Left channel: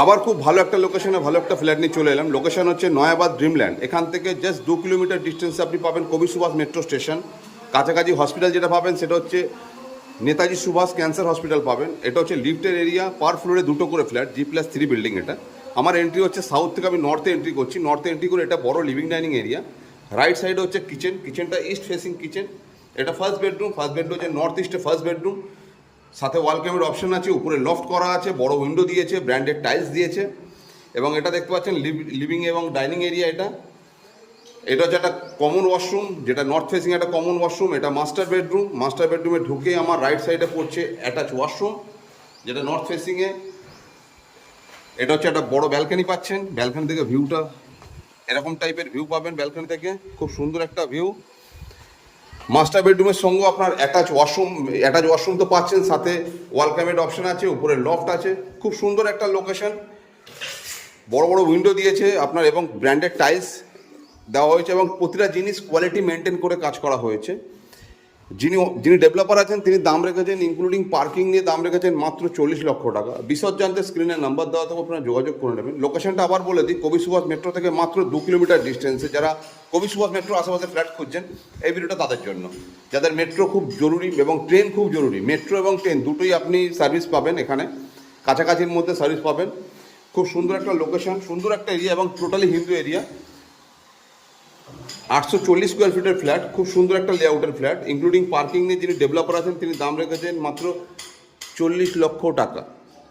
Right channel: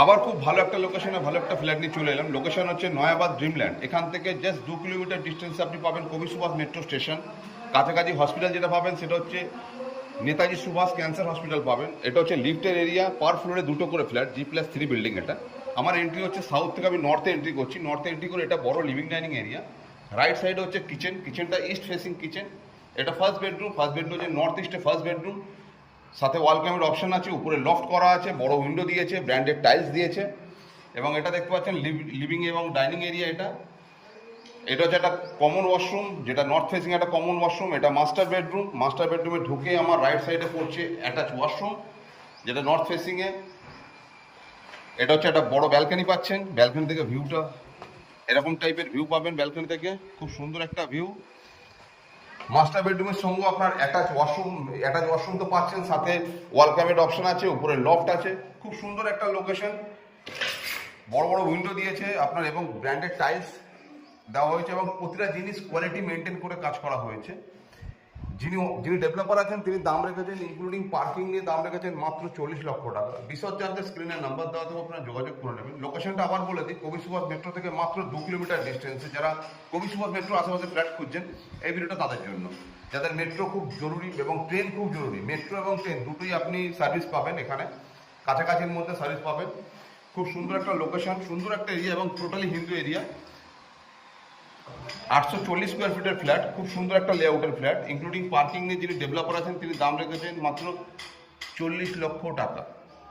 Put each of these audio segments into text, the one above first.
আবার খুব ভালো একটা লোকেশনে ভালো একটা ফ্ল্যাট নিয়ে চলে এলাম। লোকেশন হচ্ছে নয়াবাদ ড্রিমল্যান্ড। এখান থেকে জাস্ট 2 কিলোমিটার ডিস্টেন্সে আপনি পাবেন কবি সুভাষ মেট্রো স্টেশন। কাছাকাছি হসপিটাল যেটা পাবেন সেটা হচ্ছে নেতাজি সুভাষ ক্যান্সার হসপিটাল পাবেন। এটা হচ্ছে লিফটের এরিয়া, পার ফ্লোরে 2টো করে ফ্ল্যাট, G+3 বিল্ডিং এটা। আমার এন্ট্রি হচ্ছে সাউথ থেকে, আমি নর্থে এন্ট্রি করছি। নর্থে এন্ট্রি করে এটা বড় লিভিং ডাইনিং এরিয়া। রাইট সাইডে হচ্ছে কিচেন, কিচেনটা ইস্ট ফেসিং কিচেন। এটা ফার্স্ট বেডরুম হচ্ছে নর্থ ইস্টে ফার্স্ট বেডরুম। সাথে ওয়াল ক্যামের অপশন আছে, উপরে লফট করা আছে, বড় উইন্ডো দিয়েছে, ব্র্যান্ডেড টাইলস দিয়েছে। এবং এটা দেখতে পাচ্ছেন লিভিং এবং ডাইনিং এরিয়া। এটা হচ্ছে একটা কমন ওয়াশরুম, যেটা নর্থ ফেসিং একটা কমন ওয়াশরুম। এটা মাস্টার বেডরুম। মাস্টার বেডরুমে ঢুকে আমার রাইট সাইডে পড়ছে অ্যাটাচ ওয়াশরুম, যেটা নর্থ ফেসিংয়ে। এটা হচ্ছে একটা বড় ব্যালকনি পাচ্ছেন। ব্যালকনি থেকে ভিউটা এরকম টাইপের ভিউ পাবেন। ব্যালকনি থেকে খুব সুন্দর একটা ভিউ। মাস্টার বেডরুমের সঙ্গে আপনার অ্যাটাচ ওয়াশরুম তো পাচ্ছেন, সাথে ওয়াল ক্যামের অপশন আছে, উপরে লফট আছে। খুব সুন্দর একটা লোকেশন, বড় বড় উইন্ডো দিয়েছে আপনার এবং ব্র্যান্ডেড টাইলস দেওয়া হয়েছে এবং প্রতিটা জিনিস কোয়ালিটি মেনটেন করে কাজ করা হয়েছে। যিনি ডেভেলপার আছেন তিনি দাম রেখেছেন, ইনক্লুডিং পার্কিং নিয়ে দাম রেখেছেন মাত্র 40 লক্ষ টাকা। বিশদ জানতে স্ক্রিনের নাম্বার দেওয়া থেকে আপনারা যোগাযোগ করে নেবেন। লোকেশনটা আবার বলে দিই, কবি সুভাষ মেট্রো থেকে মাত্র 2 কিলোমিটার ডিস্টেন্সে। যারা কবি সুভাষ মেট্রো আশেপাশে ফ্ল্যাট খুঁজছেন, এই ভিডিওটা তাদের জন্য। যাদের মেট্রো খুব জরুরি এবং ট্রেন খুব জরুরি, মেট্রো এবং ট্রেন দুটোই আপনি সার্ভিস পাবেন এখানে, কাছাকাছির মধ্যে সার্ভিস পাবেন। খুব সুন্দর একটা লোকেশন, সুন্দর একটা এরিয়া এবং টোটালি হিন্দু এরিয়া। 840 স্কোয়ার ফিটের ফ্ল্যাট, খুব সুন্দর একটা লেআউটের ফ্ল্যাট। ইনক্লুডিং পার্কিং নিয়ে যিনি ডেভেলপার আছেন তিনি দাম রেখেছেন মাত্র 40 লক্ষ টাকা।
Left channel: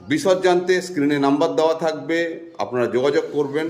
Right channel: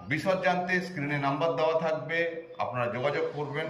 বিশদ জানতে স্ক্রিনে নাম্বার দেওয়া থাকবে, আপনারা যোগাযোগ করবেন।